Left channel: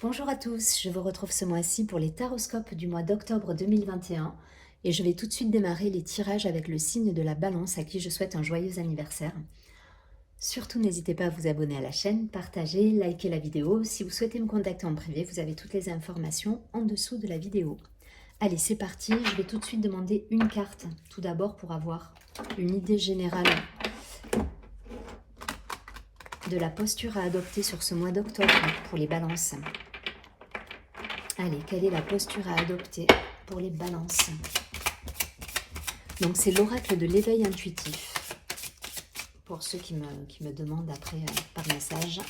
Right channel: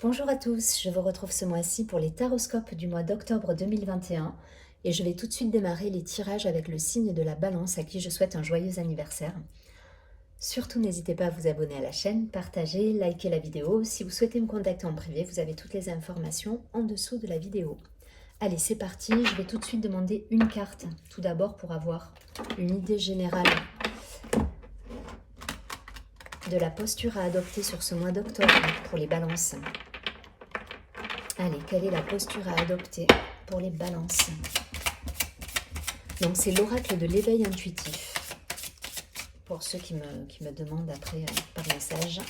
Bonjour à tous, je vous retrouve ce mois-ci pour les taroscopes du mois d'octobre 2021 et je vais tout de suite démarrer les tirages avec le signe de la Balance à qui je souhaite un joyeux anniversaire. Surtout n'hésitez pas à vous abonner à la chaîne, partager, liker la vidéo. Si vous souhaitez me contacter en privé, vous avez toutes les informations en dessous de la vidéo. Allez, c'est parti, je vais tout de suite demander une carte, tout d'abord pour avoir une idée générale de la posture à adopter sur ce mois d'octobre pour les balances. Allez, quelle est la posture à adopter pour les balances? Donc c'est l'oracle de l'éveil intuitif. Pour ceux qui me demandent après par message.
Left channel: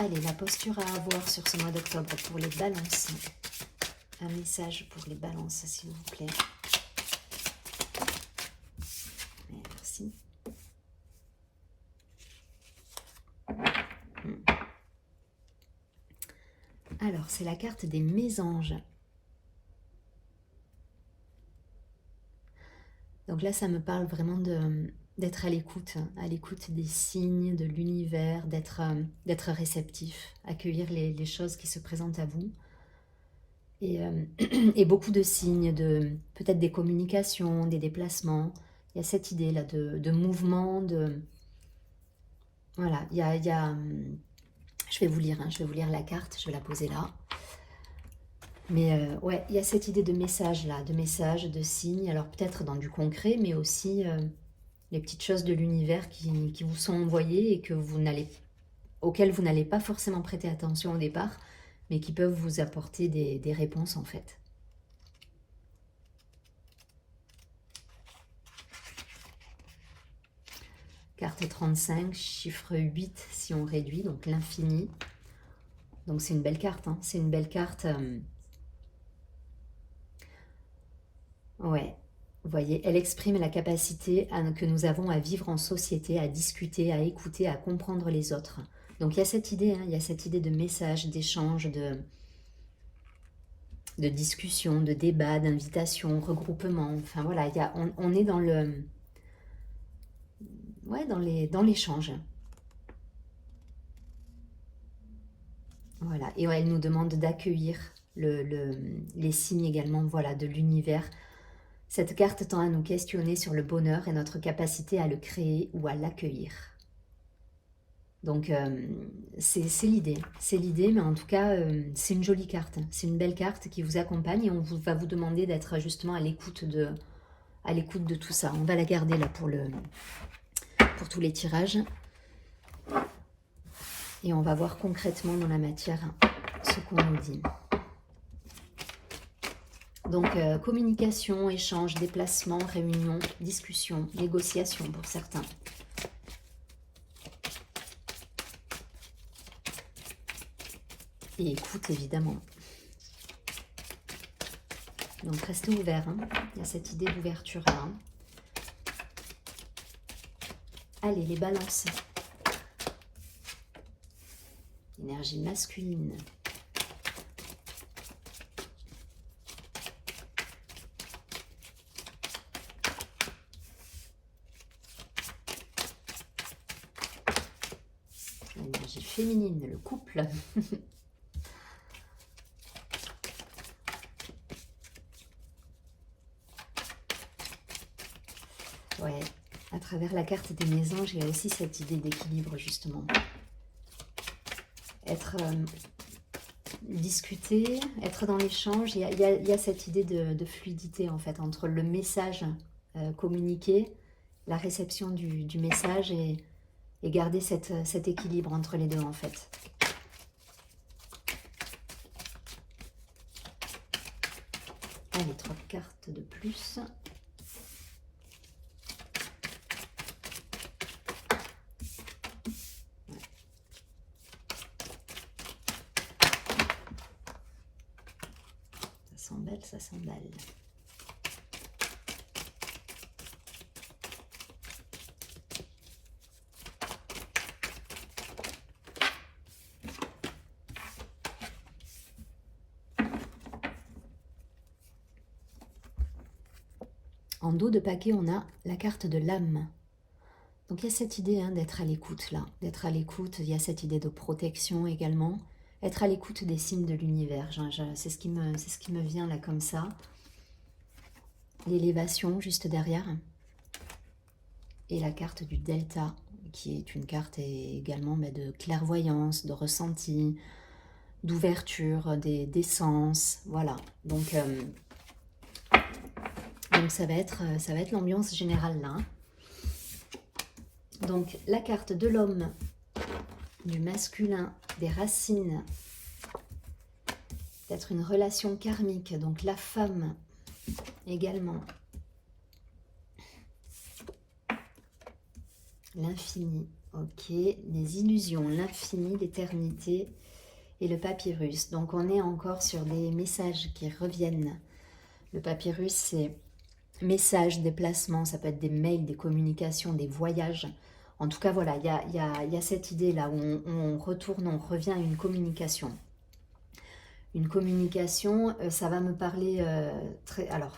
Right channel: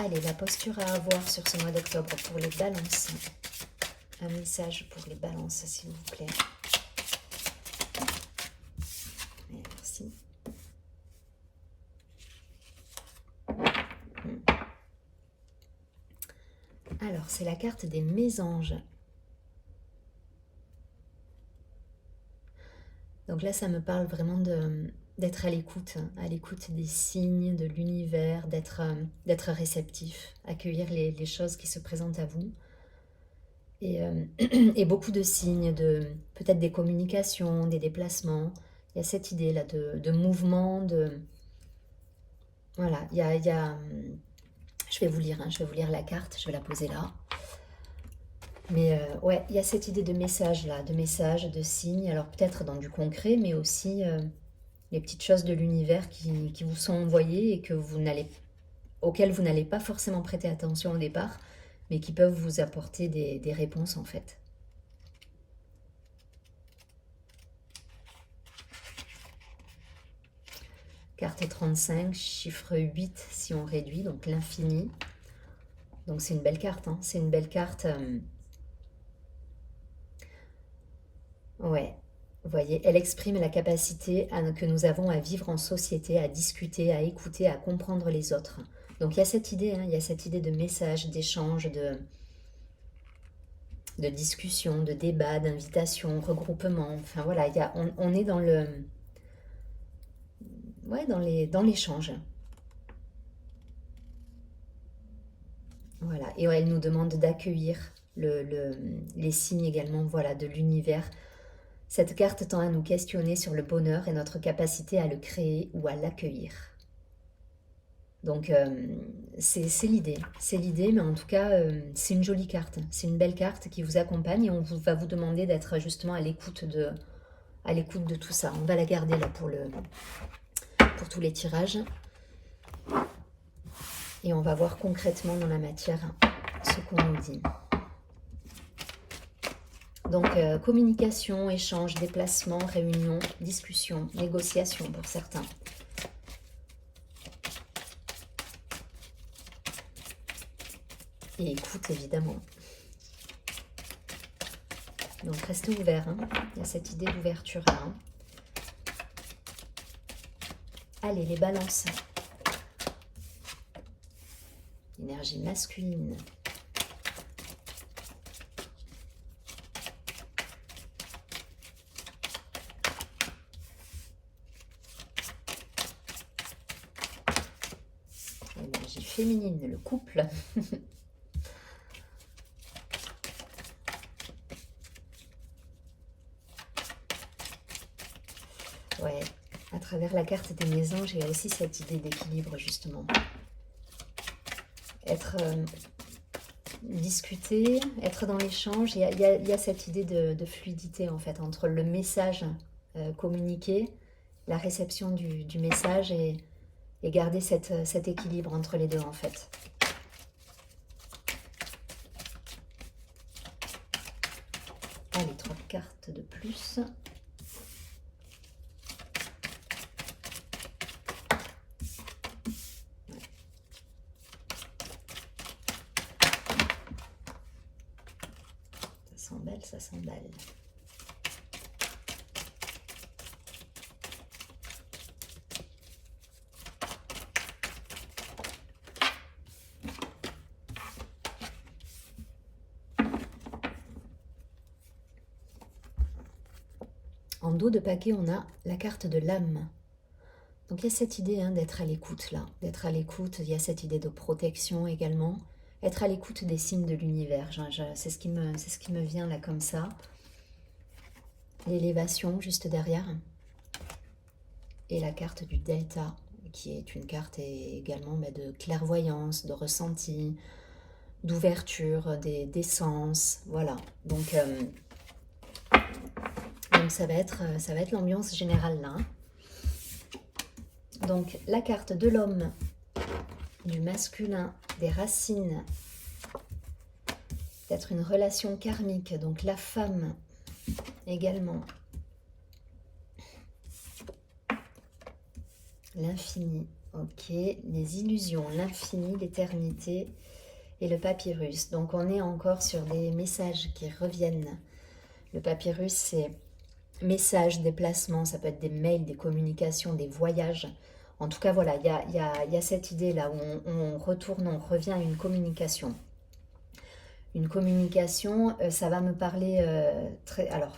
Allez, la posture à avoir sur ce mois d'octobre pour les balances. Un message pour les balances, s'il vous plaît. Merci. Alors, c'est la carte des mésanges. Donc là, ça me parle vraiment d'être à l'écoute des signes, de l'univers, d'être réceptif, accueillir les choses qui se présentent à vous. Et beaucoup de signes, peut-être des communications, des déplacements. Il y a cette idée-là de mouvement, Voilà, je vais vous lire, je vais vous lire la carte, je vais la poser là. Mais ouais, il y a cette idée de message là, de signes, alors peut-être dans du concret, mais aussi les petites choses de l'univers qui vous sont envoyées et auxquelles vous n'allez pas forcément prêter attention au départ, mais qui peuvent vous apporter des réponses en fait. Carte 35, chiffre 8 si on réduit, donc l'infini. Donc c'est une belle carte, c'est une belle carte. Ouais, vous voyez, elle exprime la capacité que nous avons à vivre en société, à discuter, à écouter, à comprendre les autres. Donc il y a cette idée, il y a cette idée de message, d'échange, de discussion, de débat, d'invitation, regroupement. Enfin voilà, on est dans l'échange. Voilà, et ouais, elle nous demande d'accueillir les signes également, voilà, de l'univers. Cette carte tend à nous questionner sur le bonheur et notre capacité à le créer ou à l'accueillir. Donc c'est l'idée, mais en tout cas c'est une jolie carte, c'est une belle carte qui vous accompagne et va vous demander d'être justement à l'écoute de tout ça. On va la garder là pour tous les tirages et on va voir concrètement dans la matière ce qu'on nous dit. Donc communication, échange, déplacement, réunion, discussion, négociation pour certains. Et écoute évidemment. Donc restez ouverts, il y a cette idée d'ouverture là. Allez, les balances. Énergie masculine. Énergie féminine, le couple. Ouais, à travers la carte des mésanges, il y a aussi cette idée d'équilibre justement. Être discuter, être dans l'échange, il y a cette idée de fluidité en fait entre le message communiqué, la réception du message et garder cet équilibre entre les deux en fait. Allez, 3 cartes de plus. Ça s'emballe. En dos de paquet, on a la carte de l'âme. Donc il y a cette idée hein, d'être à l'écoute là, d'être à l'écoute, il y a cette idée de protection également, être à l'écoute des signes de l'univers, c'est ce qui me vient là comme ça. L'élévation juste derrière, et la carte du delta, qui est une carte également de clairvoyance, de ressenti, d'ouverture des sens, voilà. Donc ça va être l'ambiance générale là. Donc la carte de l'homme, du masculin, des racines, peut-être une relation karmique, donc la femme également, l'infini, ok, les illusions, l'infini, l'éternité et le papyrus. Donc on est encore sur des messages qui reviennent. Le papyrus, c'est messages, déplacements, ça peut être des mails, des communications, des voyages. En tout cas, voilà, il y a cette idée-là où on retourne, on revient à une communication. Une communication, ça va me parler alors,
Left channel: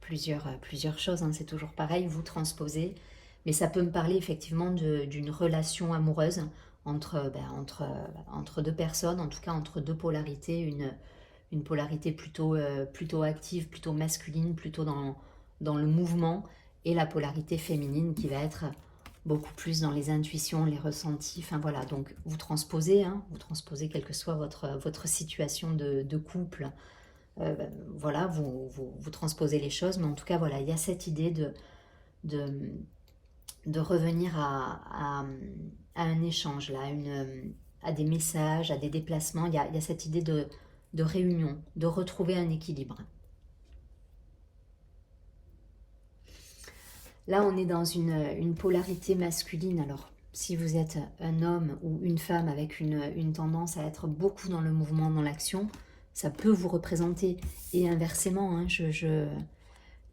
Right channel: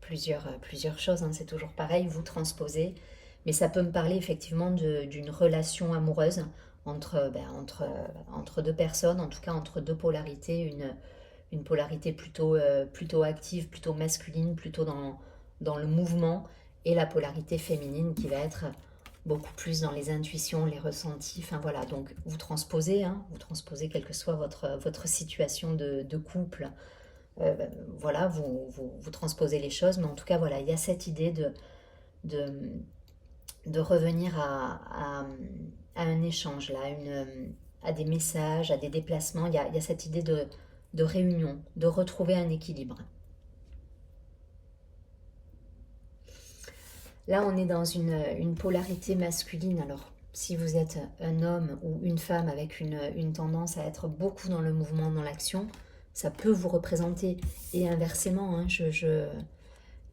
plusieurs choses, hein, c'est toujours pareil, vous transposez, mais ça peut me parler effectivement d'une relation amoureuse entre deux personnes, en tout cas entre deux polarités, une polarité plutôt active, plutôt masculine, plutôt dans le mouvement, et la polarité féminine qui va être beaucoup plus dans les intuitions, les ressentis, enfin voilà, donc vous transposez, hein, quelle que soit votre situation de couple, voilà, vous transposez les choses, mais en tout cas voilà, il y a cette idée de, de revenir à un échange, là, à des messages, à des déplacements, il y a cette idée de réunion, de retrouver un équilibre. Là, on est dans une polarité masculine. Alors, si vous êtes un homme ou une femme avec une tendance à être beaucoup dans le mouvement, dans l'action, ça peut vous représenter. Et inversement, hein,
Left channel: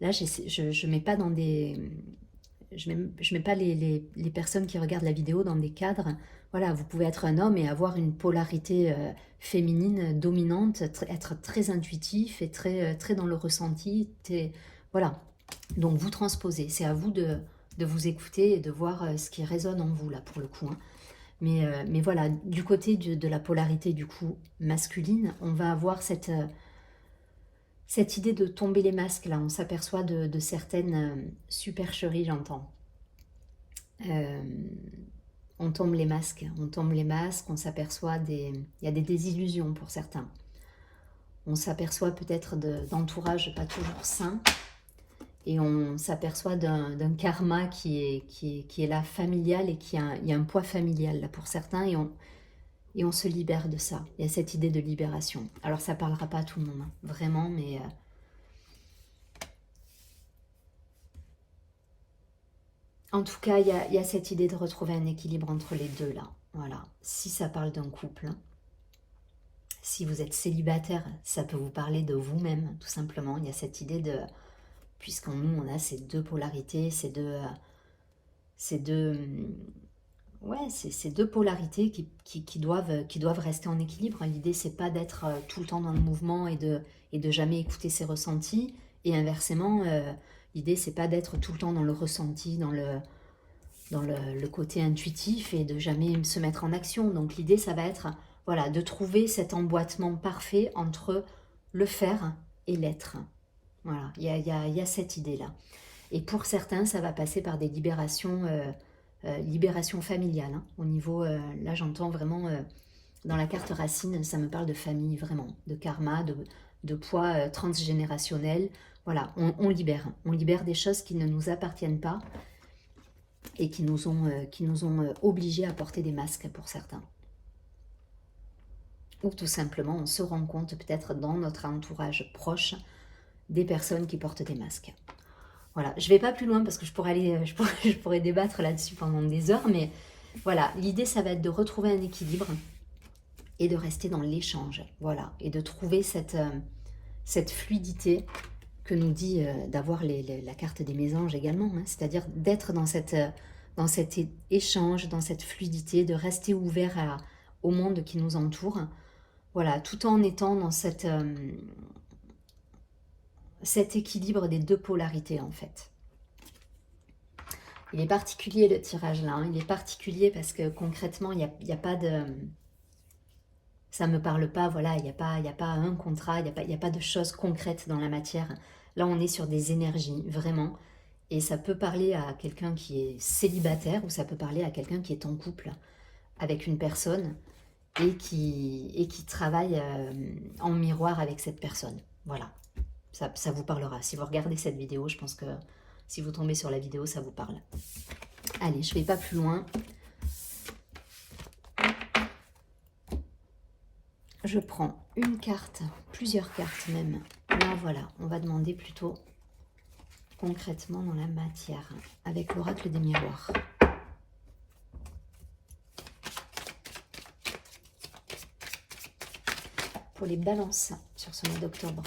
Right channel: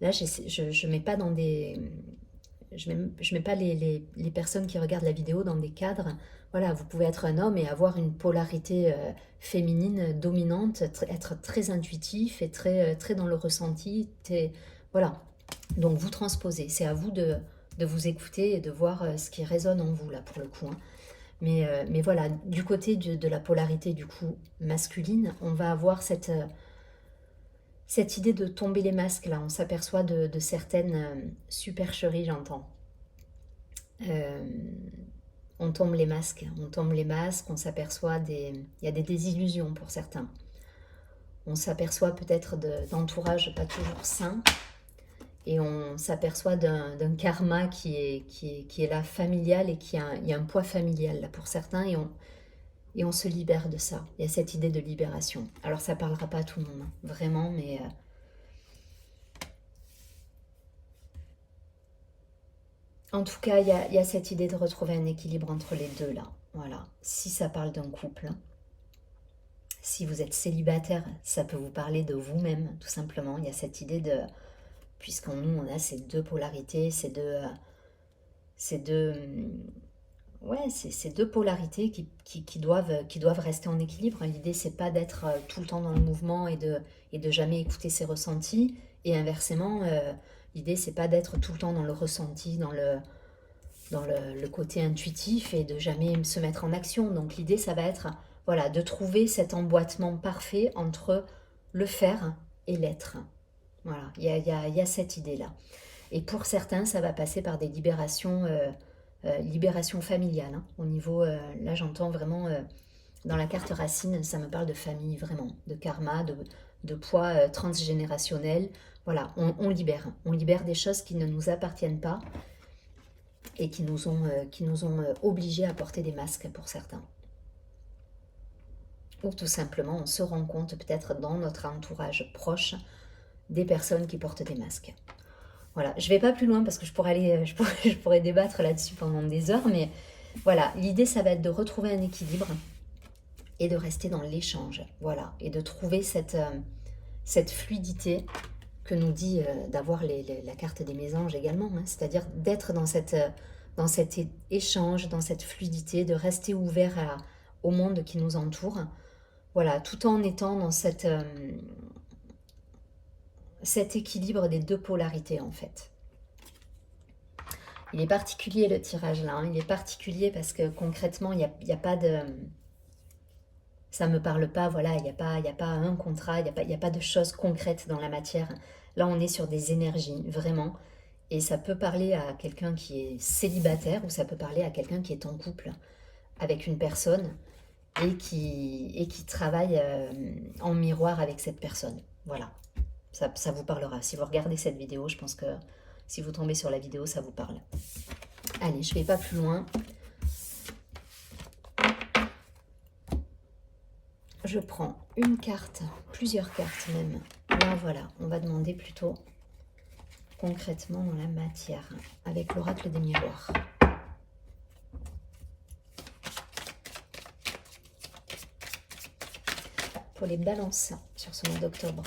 là, je mets pas dans des... Je mets pas les personnes qui regardent la vidéo dans des cadres. Voilà, vous pouvez être un homme et avoir une polarité féminine dominante, être très intuitif et très dans le ressenti. Voilà, donc vous transposez, c'est à vous de vous écouter et de voir ce qui résonne en vous là pour le coup. Hein. Mais voilà, du côté de la polarité du coup masculine, on va avoir cette idée de tomber les masques là. On s'aperçoit de certaines supercheries, j'entends. On tombe les masques, on s'aperçoit il y a des désillusions pour certains. On s'aperçoit peut-être d'entourage pas toujours sain. Et on s'aperçoit d'un karma qui est là familial et il y a un poids familial là pour certains et on se libère de ça. Il y a cette idée de libération. Alors ça ne parlera pas à tout le monde, hein, vraiment, mais... En tout cas, il y a cette idée de retrouver un équilibre entre les deux là. Voilà. Si ça parle d'un couple, si vous êtes célibataire, ça peut vous parler de vous-même, tout simplement. Il y a cette idée de... Puisqu'en nous, on a ces deux polarités, ces deux polarités qui doivent rester en équilibre. L'idée, c'est pas d'être tout le temps dans le mouvement et de jamais écouter ses ressentis. Et inversement, l'idée, c'est pas d'être tout le temps dans le ressenti, dans le côté intuitif et de jamais se mettre en action. Donc l'idée, ça va être voilà, de trouver cet emboîtement parfait entre le faire et l'être. Voilà, il y a cette idée-là. Et pour certains, ça va passer par des libérations familiales. Hein. Au niveau, là j'entends vraiment, dans la carte racine, ça me parle de famille, vraiment, de karma, de poids transgénérationnel. Voilà, on libère des choses qui ne nous appartiennent pas et qui nous ont obligés à porter des masques pour certains. Ou tout simplement, on se rend compte peut-être dans notre entourage proche des personnes qui portent des masques. Voilà, je ne vais pas plus loin parce que je pourrais débattre là-dessus pendant des heures, mais voilà, l'idée ça va être de retrouver un équilibre et de rester dans l'échange, voilà, et de trouver cette fluidité que nous dit d'avoir la carte des mésanges également, hein, c'est-à-dire d'être dans cet échange, dans cette fluidité, de rester ouvert au monde qui nous entoure, voilà, tout en étant dans cet équilibre des deux polarités en fait. Il est particulier le tirage là, hein. Il est particulier parce que concrètement, il y a pas de... Ça ne me parle pas, voilà, il y a pas un contrat, il y a pas de choses concrètes dans la matière. Là, on est sur des énergies, vraiment. Et ça peut parler à quelqu'un qui est célibataire ou ça peut parler à quelqu'un qui est en couple avec une personne et qui travaille en miroir avec cette personne. Voilà, ça vous parlera. Si vous regardez cette vidéo, je pense que si vous tombez sur la vidéo, ça vous parle. Allez, je ne vais pas plus loin. Je prends une carte, plusieurs cartes même. Là, voilà, on va demander plutôt concrètement dans la matière, avec l'oracle des miroirs. Pour les balances sur ce mois d'octobre,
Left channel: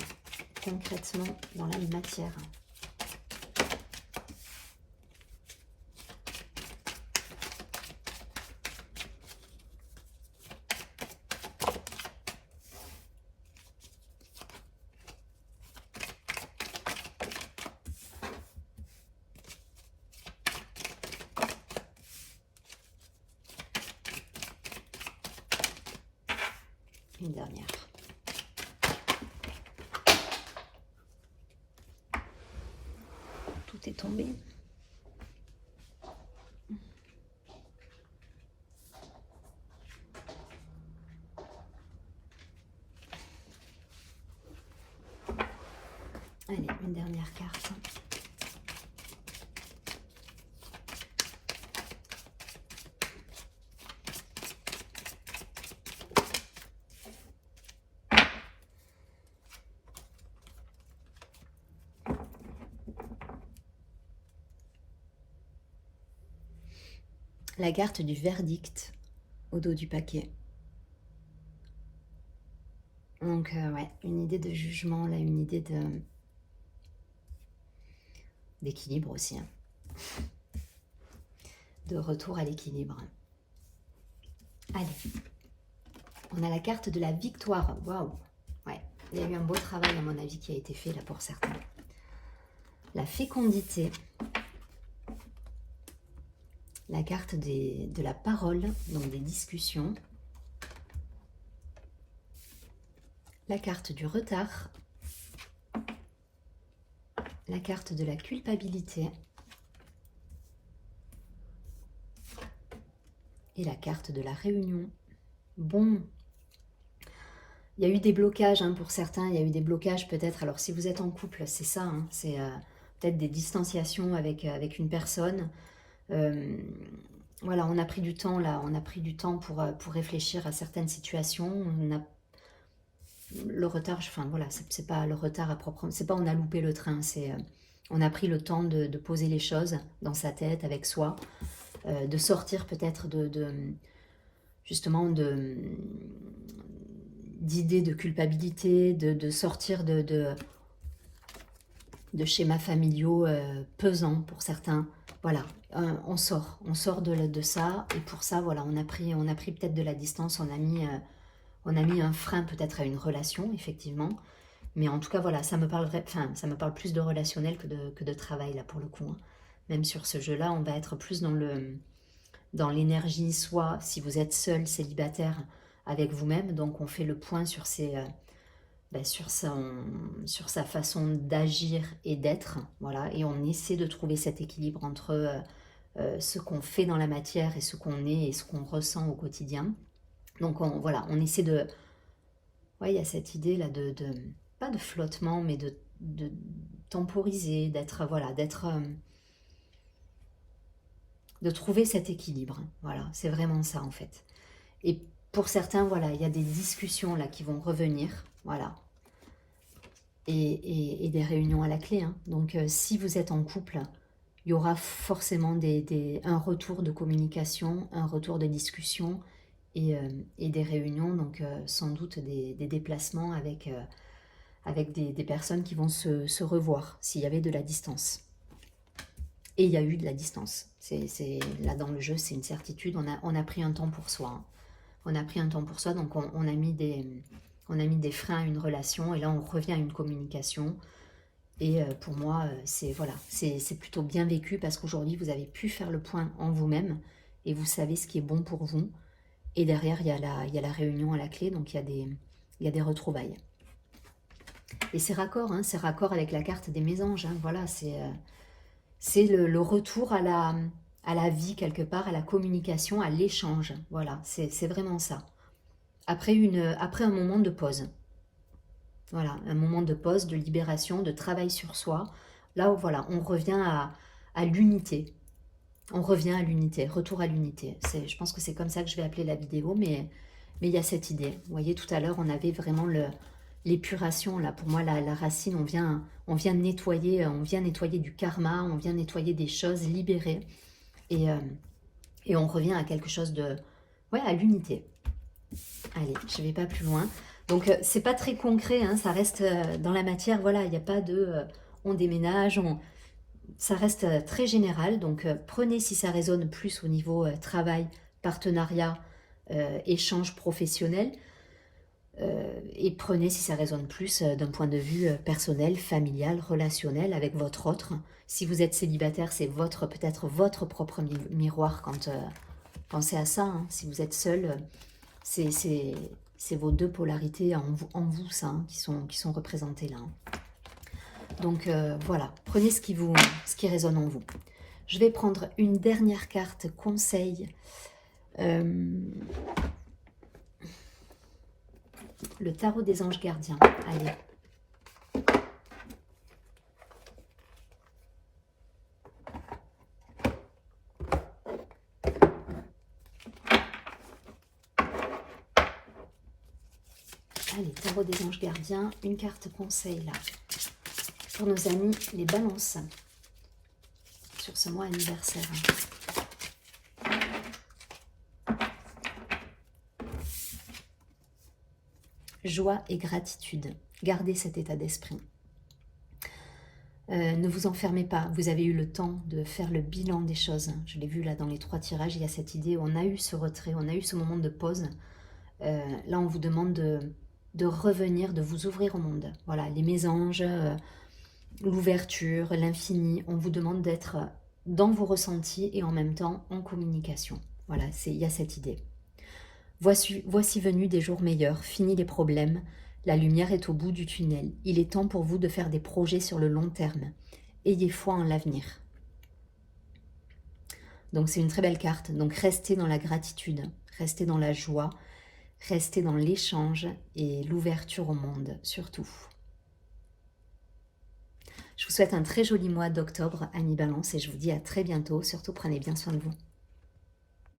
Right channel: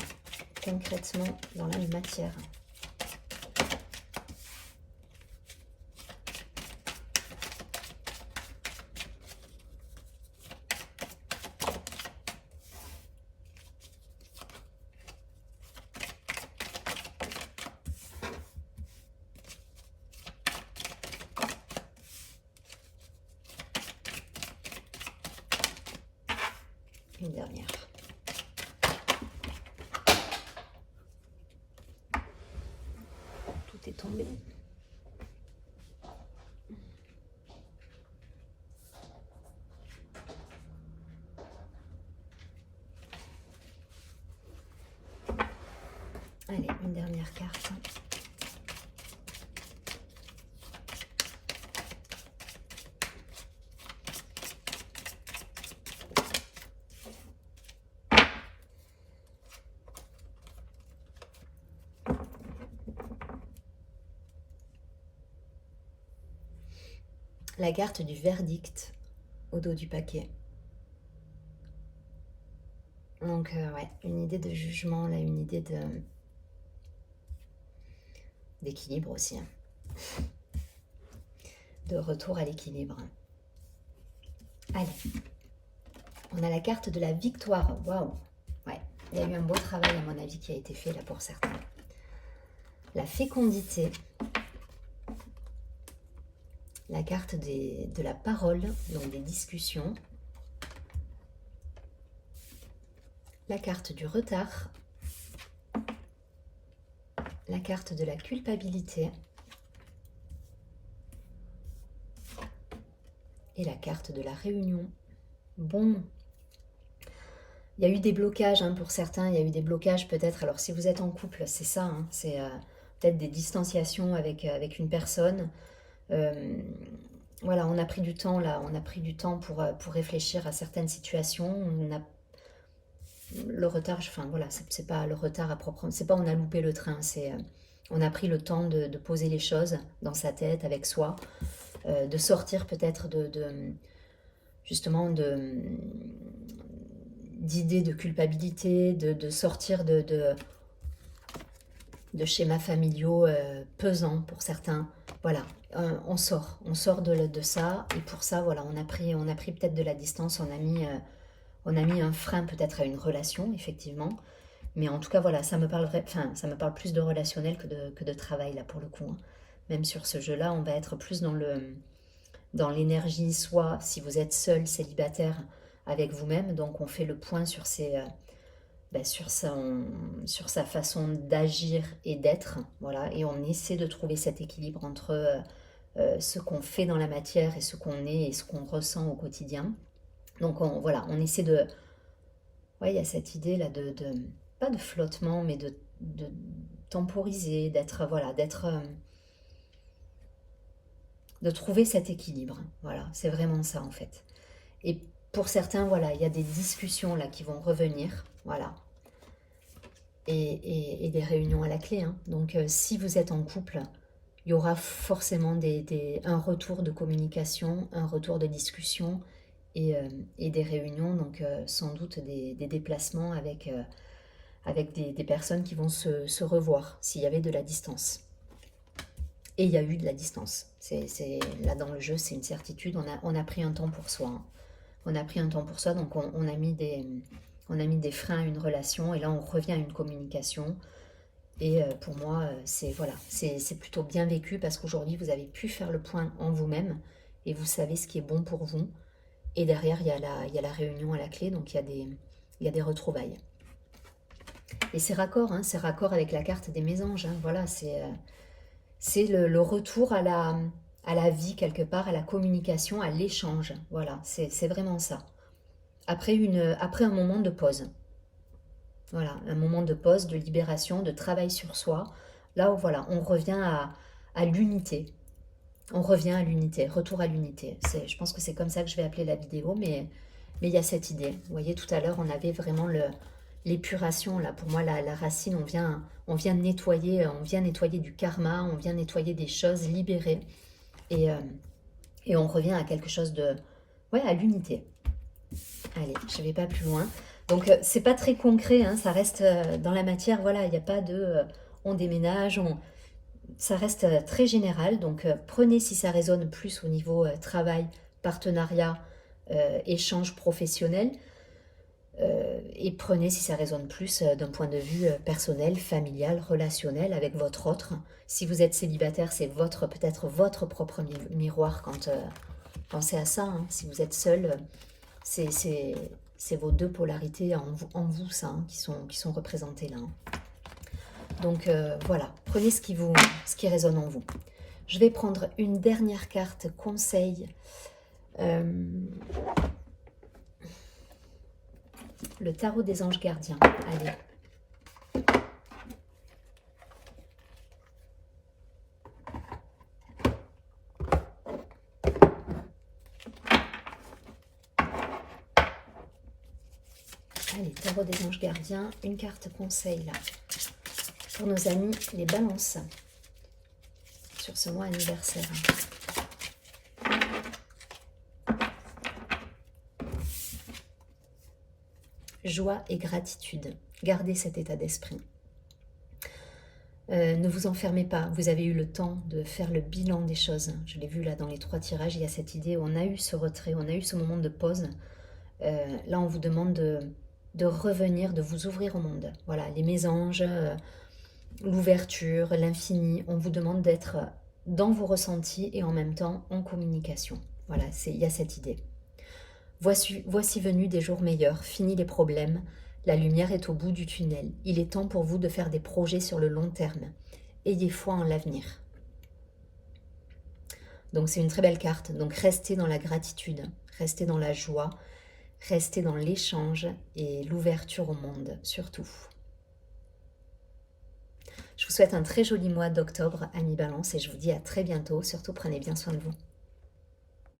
concrètement dans la matière. Une dernière. Tout est tombé. Allez, une dernière carte. La carte du verdict au dos du paquet. Donc, ouais, une idée de jugement, là, une idée d'équilibre aussi. Hein. De retour à l'équilibre. Allez, on a la carte de la victoire. Waouh! Ouais, il y a eu un beau travail, à mon avis, qui a été fait là pour certains. La fécondité. La carte de la parole, donc des discussions. La carte du retard. La carte de la culpabilité. Et la carte de la réunion. Bon, il y a eu des blocages hein, pour certains, il y a eu des blocages peut-être. Alors si vous êtes en couple, c'est ça, hein, c'est peut-être des distanciations avec une personne. Voilà, on a pris du temps là, on a pris du temps pour réfléchir à certaines situations. On a le retard, enfin voilà, c'est pas le retard à proprement, c'est pas on a loupé le train, c'est on a pris le temps de poser les choses dans sa tête, avec soi, de sortir peut-être justement d'idées de culpabilité, de sortir de schémas familiaux pesants pour certains. Voilà, on sort de ça, et pour ça, voilà, on a pris peut-être de la distance, on a mis un frein peut-être à une relation, effectivement. Mais en tout cas, voilà, ça me parle plus de relationnel que de travail, là, pour le coup. Hein. Même sur ce jeu-là, on va être plus dans l'énergie, soit si vous êtes seul, célibataire, avec vous-même. Donc, on fait le point sur sur sa façon d'agir et d'être. Voilà, et on essaie de trouver cet équilibre entre ce qu'on fait dans la matière et ce qu'on est et ce qu'on ressent au quotidien. Donc, voilà, on essaie de... Ouais, il y a cette idée là pas de flottement, mais de temporiser, d'être, voilà, de trouver cet équilibre. Voilà, c'est vraiment ça en fait. Et pour certains, voilà, il y a des discussions là qui vont revenir, voilà, et des réunions à la clé. Hein. Donc, si vous êtes en couple, il y aura forcément un retour de communication, un retour de discussion et des réunions, donc sans doute des déplacements avec des personnes qui vont se revoir s'il y avait de la distance. Et il y a eu de la distance. Là, dans le jeu, c'est une certitude. On a pris un temps pour soi. Hein. On a pris un temps pour soi, donc on a mis des freins à une relation. Et là, on revient à une communication. Et pour moi, c'est voilà, c'est plutôt bien vécu parce qu'aujourd'hui, vous avez pu faire le point en vous-même et vous savez ce qui est bon pour vous. Et derrière, il y a la réunion à la clé, donc il y a des retrouvailles. Et c'est raccord avec la carte des mésanges. Hein, voilà, c'est le retour à la vie quelque part, à la communication, à l'échange. Voilà, c'est vraiment ça. Après un moment de pause. Voilà, un moment de pause, de libération, de travail sur soi. Là où voilà, on revient à l'unité. On revient à l'unité, retour à l'unité. Je pense que c'est comme ça que je vais appeler la vidéo, mais il y a cette idée. Vous voyez, tout à l'heure, on avait vraiment l'épuration. Là, pour moi, la racine, on vient nettoyer du karma, on vient nettoyer des choses, libérer. Et on revient à quelque chose de... Ouais, à l'unité. Allez, je ne vais pas plus loin. Donc, c'est pas très concret, hein, ça reste dans la matière. Voilà, il n'y a pas de... on déménage, ça reste très général. Donc, prenez si ça résonne plus au niveau travail, partenariat, échange professionnel. Et prenez si ça résonne plus d'un point de vue personnel, familial, relationnel avec votre autre. Si vous êtes célibataire, c'est peut-être votre propre miroir quand pensez à ça. Hein. Si vous êtes seul, c'est vos deux polarités en vous ça, hein, qui sont représentées là. Hein. Donc voilà, prenez ce qui résonne en vous. Je vais prendre une dernière carte conseil. Le tarot des anges gardiens. Allez. Allez, tarot des anges gardiens. Une carte conseil là. Pour nos amis les balances. Sur ce mois anniversaire. Joie et gratitude. Gardez cet état d'esprit. Ne vous enfermez pas. Vous avez eu le temps de faire le bilan des choses. Je l'ai vu là dans les 3 tirages. Il y a cette idée. On a eu ce retrait. On a eu ce moment de pause. Là, on vous demande de revenir, de vous ouvrir au monde. Voilà, les mésanges, l'ouverture, l'infini. On vous demande d'être dans vos ressentis et en même temps en communication. Voilà, il y a cette idée. Voici venus des jours meilleurs, finis les problèmes, la lumière est au bout du tunnel. Il est temps pour vous de faire des projets sur le long terme. Ayez foi en l'avenir. Donc c'est une très belle carte. Donc restez dans la gratitude, restez dans la joie, restez dans l'échange et l'ouverture au monde, surtout. Je vous souhaite un très joli mois d'octobre, Annie Balance, et je vous dis à très bientôt. Surtout, prenez bien soin de vous.